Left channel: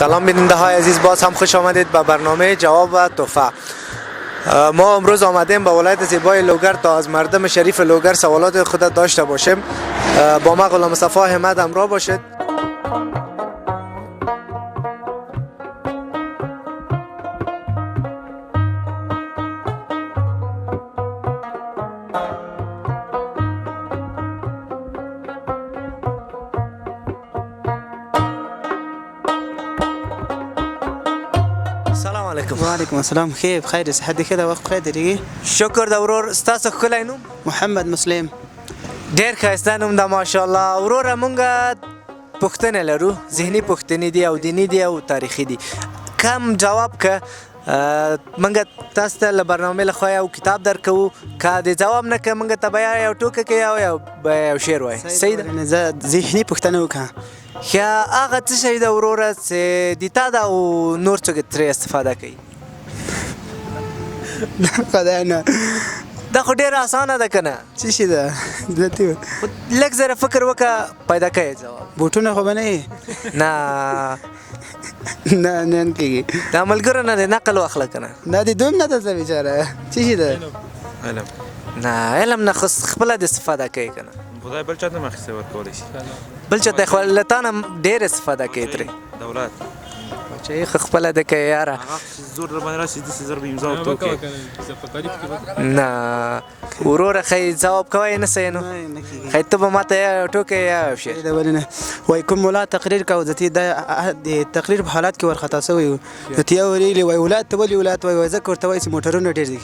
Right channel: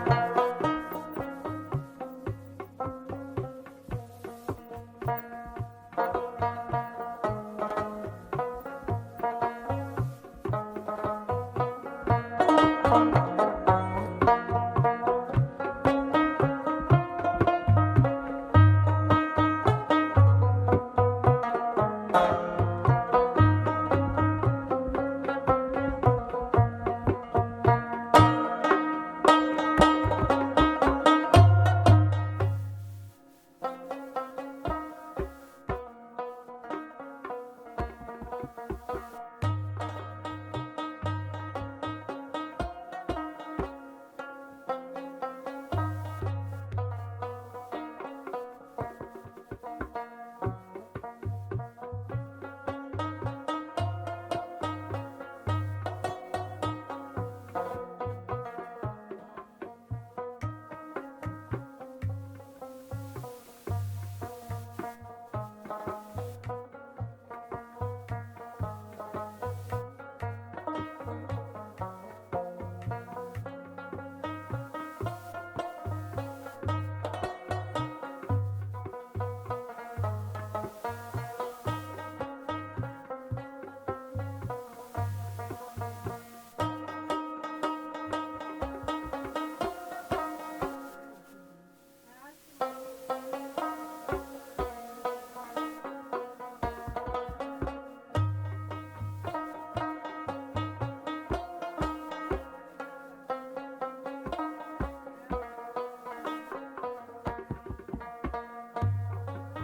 سلام بیننده های عزیز، باز هم خوش آمدید به برنامه جواب و تحفه. ما امروز آمدیم به ولایت زیبای لوگر تا از مردم شریف لوگر سوالات خود داشته باشیم. با ما غلام مصطفی احمد همراه باشید. وعلیکم السلام. خیر بخیر، صحت دی ښه ده؟ وخت بخیر درېږي. شکر د ورور. ستاسو ښکلی نوم؟ محمد مسلم. ډېر ښایسته نوم ده ماشاءالله. وروره مونږ پوښتنې لرو، ذهني پوښتنې دي او دیني دي او تاریخي دي. کم جواب که مونږ تاسو ته له برنامې له خوا یو کتاب درکوو، که د جواب نه که مونږ ته به یا یو ټوکه کوي او یو شعر وایي. صحیح ده؟ زه ذهني پوښتنه وکړه. ښه، هغه څه شی ده وروره چې د تا ده او نور څوک ترې استفاده کوي؟ خدای نه، دا خو ډېره اسانه ده که نه؟ څه شي ده؟ لږ ذره فکر وکړه، پیدا کوي جواب. بوټونه خو به نه وي؟ نه نه کېږي. دا ملګرو نه دی، نقل واخله که نه. دا دې دوم نه ده څه بېچاره. څه شي ده؟ علم. نه علم نه، خو خپله د استفاده کوي که نه. خدای بل چا ته هم اخیستی ورکولی شي. بل چا ته خو له تا نه ډېر استفاده کوي ترې. دولت چې خو خپله ده کوي یاره. هغه زور در باندې راشي داسې زر به امضا ورته وکړي. نه وروره ښایي جواب کوی نه صحیح نو. ښایي ته به ما ته یا یو ټوکی یا یو شعر. ولې نه وایي کوم ولایت تقریر کوه، زه د تقریر په حالت کې ورخطا شوی و. نو ته یې ویلي وایي ولایت ته ولې ولایت وایي؟ ځکه ورته وایي چې موټرونه ډېر دي.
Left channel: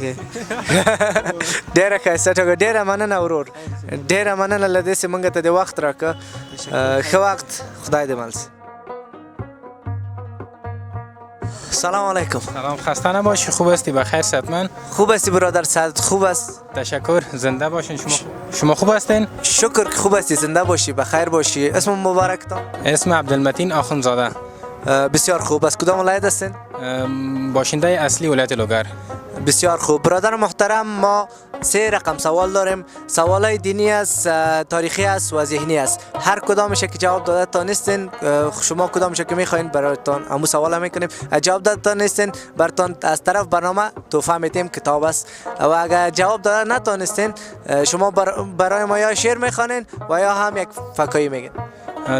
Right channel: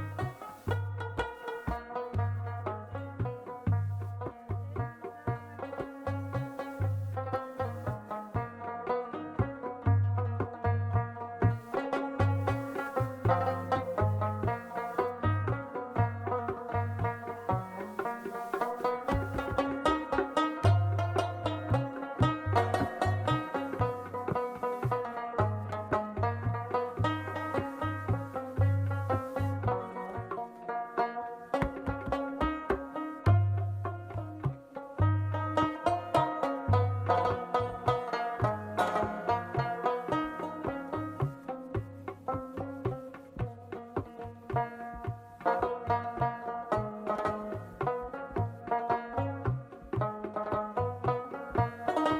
ډېره ښایسته ټوکه، ډېره مننه ورور، ډېره مننه له دې چې مونږ ته د وخت راکړه. ښه وخت، خدای دې مل شي. سلام علیکم. سلام، خسته نباشی. خوب هستی؟ بخیر صحتمند؟ خوب هستی برادر؟ صحت خوب است؟ تشکر. زنده باشین. شما خوب هستین؟ شکر که خوب هستی، زنده باشی، بخیر باشی. اسم مبارکتان؟ اسم عبدالمتین آخوندزاده. بسیار خوب. از کدام ولایت هستین؟ باشنده اصلی ولایت لوگر. بسیار خوب. برادر محترم، ما 3 رقم سوال داریم. سوالای دینی است، تاریخی است و ذهنی است. هر کدامش که جواب داده تا نیستین، شما کدامش که میخواین براتون همون سوال میکنیم. جواب داده تا نیستین، براتون از طرف برنامه تحفه میدیم، کتاب است. و اگر جواب داده نتونستین، شما برای ما یا شعر میخوانین و یا هم یک فکایی میگین.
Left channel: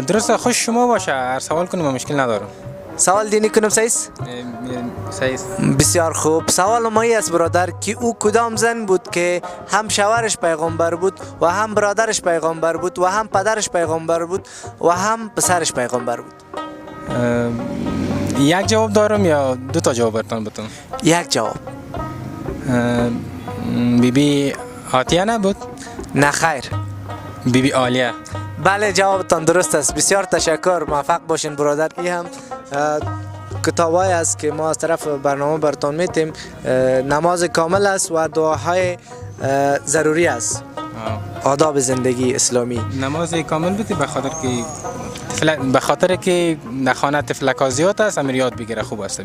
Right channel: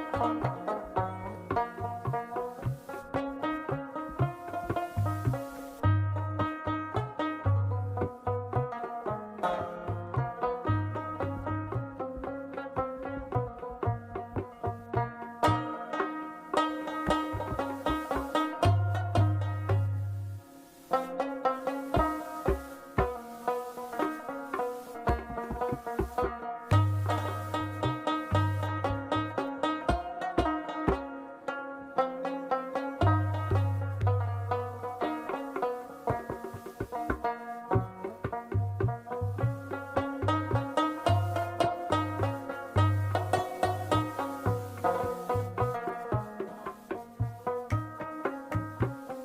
درسته، خوش شما باشه. هر سوال کنیم مشکل ندارم. سوال دینی کنم صحیح است؟ صحیح است. بسیار خوب. سوال ما است برادر که او کدام زن بود که هم شوهرش پیغمبر بود و هم برادرش پیغمبر بود و هم پدرش پیغمبر بود و هم پسرش پیغمبر بود؟ یک جواب دارم یا 2 تا جواب براتون بدم؟ یک جواب. بیبی آتیه نبود؟ نه خیر. بیبی آلیه. بله، جوابتان درست است. بسیار تشکر، موفق باشین برادر. این هم کتابایی است که ما از طرف برنامه براتون میتیم. نماز کامل است و دعاهای ضروری است. آداب زندگی اسلامی. نماز کامل بودی به خاطر که نخانه تفلکا زیاد است، امیر یاد بگیره. خوب است.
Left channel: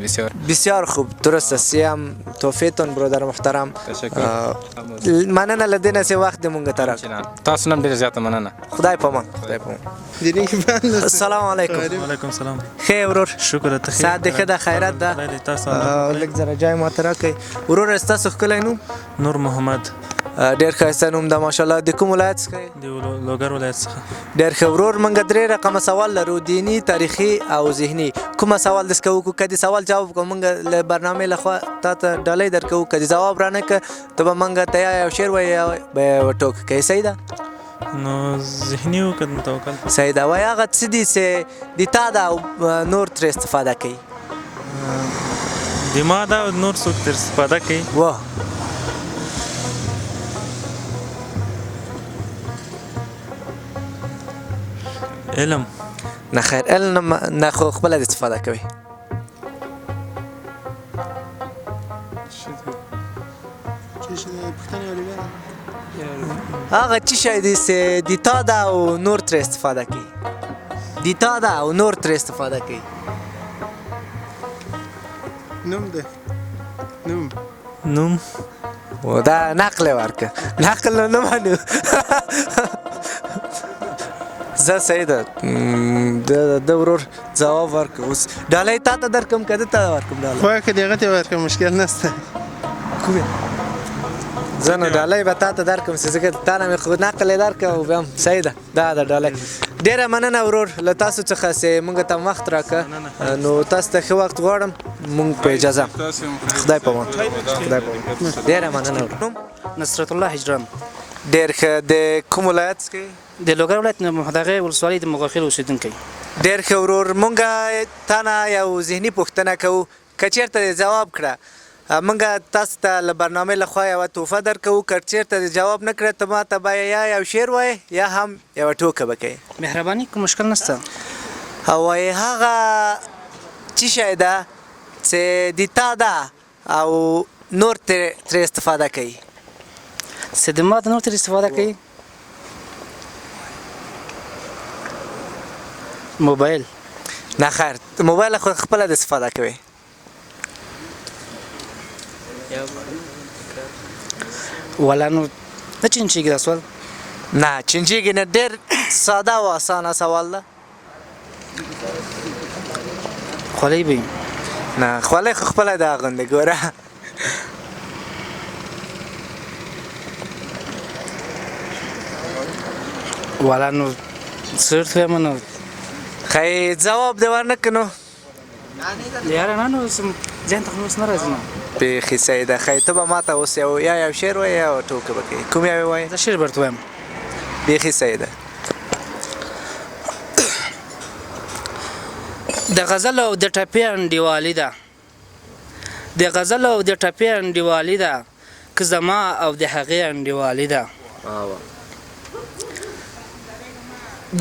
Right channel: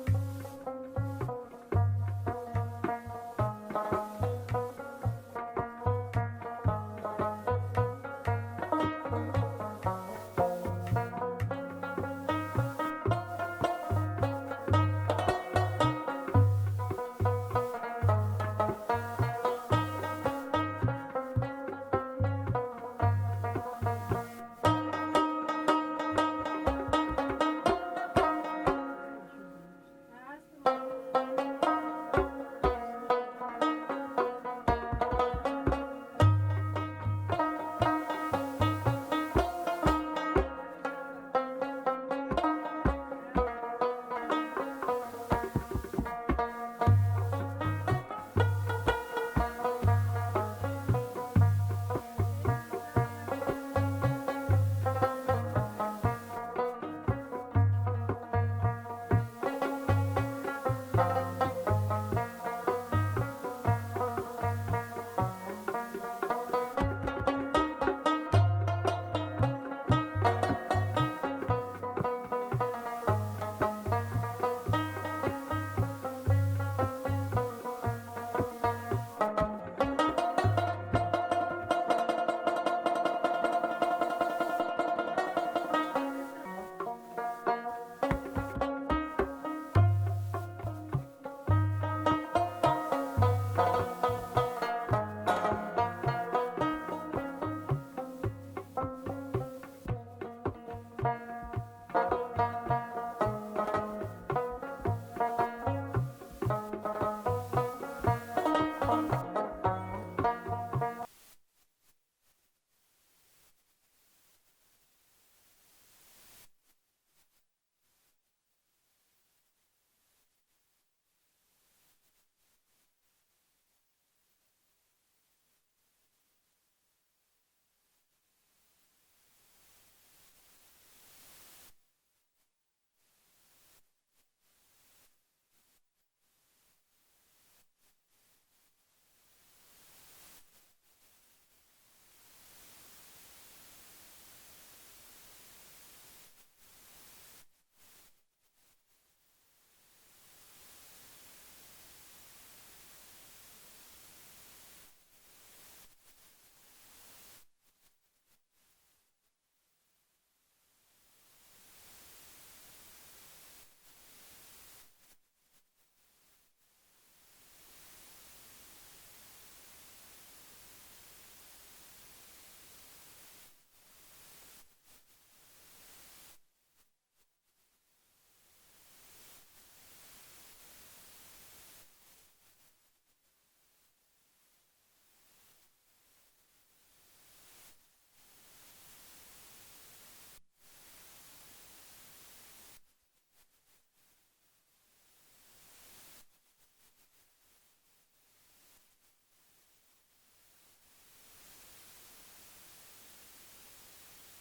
بسیار خوب، درست است. هم توفیتون برادر محترم. تشکر. مننه لدین سی وقت مونږ طرف. تاسو نن ډیر زیاته مننه. خدای پامان. السلام علیکم. وعلیکم سلام. خیر ورور. شکر ته. صحت دې ښه ده؟ خیرات ده؟ تاسو لږ ذره جای ما ته راکړئ. ورور ستاسو ښکلی نوم؟ نور محمد. ډېر ښایسته نوم ده ماشاءالله. د کوم ولایت څخه یې؟ د لوګر ولایت څخه. ډېر ښه ورور. مونږ 3 رقمه سوال لرو، دینی، تاریخي او ذهني. کومه سوال دې څخه وکړو؟ که د سوال جواب وکړو مونږ له برنامې له خوا تا ته ډالۍ درکوو. که د جواب رانه که ته به مونږ ته یا یو شعر وایې یا به یوه ټوکه کوې. صحیح ده؟ نو ذهني وکړه متوکل. صحیح ده. وایي هغه څه دي چې د تا ده او نور ترې استفاده کوي؟ د ما ده او نور څوک ترې استفاده کوي؟ واه، علم. نه خیر، علم نه، خو خپله د استفاده کوي. هغه څه شی دی چې د تا ده او نور ترې استفاده کوي؟ د تا ده او نور ترې استفاده کوي. نوم ده. نوم. و دا نقل ورکه. نقل نه منو. زه صحیح ده د ورور ځواب ورکړه اوس ډالۍ تا ته درکړم که ده ته ورکړم ډالۍ خو که دغه ته ورکړم مشکل نشته کومې زه نو ډالۍ به تا ته درکړم چې ځکه تا نه مې خو نقل یې درکړه او بیا هم صحیح ده دا ده ډالۍ ډېره مننه ورور له تاسو څخه چې موږ ته وخت راکړه نو تاسو ته ښه وخت غواړم موږ په اجازه خدای په امان خدای په امان ډېره مننه نصرت الله هجران ډېر ښه د کوم ولایت څخه د لوګر ولایت دغه ولسوالۍ د مغاخیل اوسېدونکی ډېر ښه ورور مونږ تا نه یو ذهني پوښتنه کوو که چېرته دې ځواب کړه مونږ تاسو ته له برنامې لخوا یوه تحفه درکوو که چېرته دې جواب نه کړه ته ما ته به یا یو شعر وایې یا هم یوه ټوکه به کوې مهرباني کوم مشکل نشته او وایې هغه څه شی ده چې د تا ده او نور ترې استفاده کوي چې د ما د نور تر استفاده کوي موبایل نه خیر موبایل خو خپله د استفاده کوي ولا نو نه چینچېږي دا سوال نه چینجیږي نه ډېر ساده او اسانه سوال ده خولۍ به نه خولۍ خو خپله د اغوندې ګوره ولا نو څه ورته وایم نو خی ځواب دې ورنه کړ نو یاره نه نو ذهن ته خو اوس نه راځي نه بیخي صحیح ده خی ته به ما ته اوس یو شعر وایې یا ټوکه به کوې کوم یو یې وایې زه شعر به ورته وایم بیخي صحیح ده د غزل او د ټپې انډیوالي ده د غزل او د ټپې انډیوالي ده که زما او د هغې انډیوالي ده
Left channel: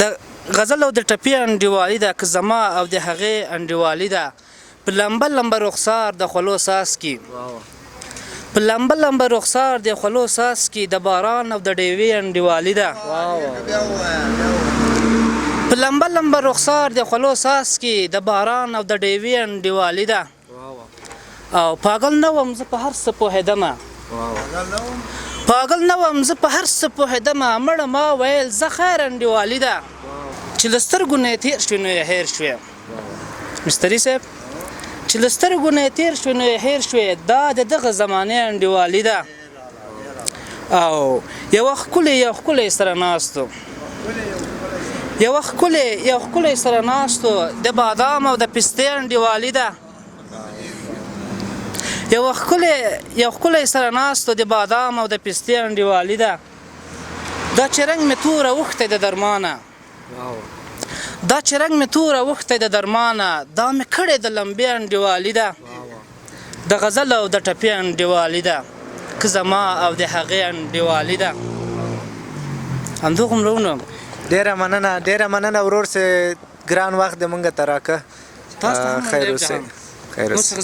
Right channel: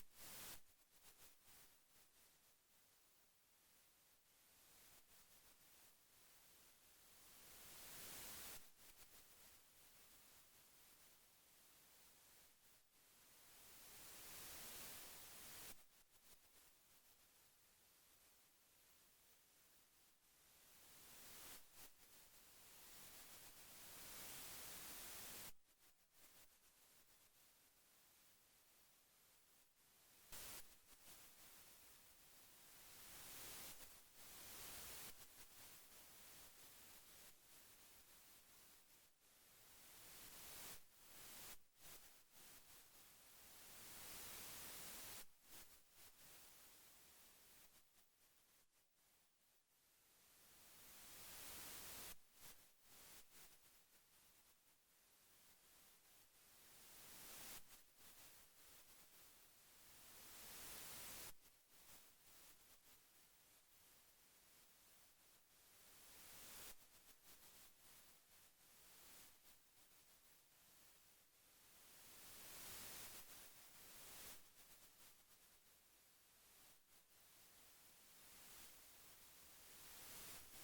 د غزل او د ټپې انډیوالي ده که زما او د هغې انډیوالي ده په لمبه لمبه رخسار د خولو ساس کې په لمبه لمبه رخسار د خولو ساس کې د باران او د ډیوې انډیوالي ده په لمبه لمبه رخسار د خولو ساس کې د باران او د ډیوې انډیوالي ده او پاگل نه وم زه په هر څه پوهېدمه پاگل نه وم زه په هر څه پوهېدمه مړه ما ویل زه خیر انډیوالي ده چې له سترګو نه یې تېر شوې نو یې هېر شوې مستري صاحب چې له سترګو نه یې تېر شوې نو یې هېر شوې دا د دغه زمانې انډیوالي ده او یوه ښکلی سره ناستو یوه ښکلی سره ناستو د بادام او د پستې انډیوالي ده یو ښکلی سره ناستو د بادام او د پستې انډیوالي ده دا چې رنګ مې توره اوښتی د درمانه دا چې رنګ مې توره اوښتی د درمانه دا مې کړې د لمبې انډیوالي ده د غزل او د ټپې انډیوالي ده که زما او د هغې انډیوالي ده همدغومره ونو ډېره مننه ورور چې ګران وخت دې مونږ ته راکړه تاسو ته هم خیر اوسئ خیر اوسئ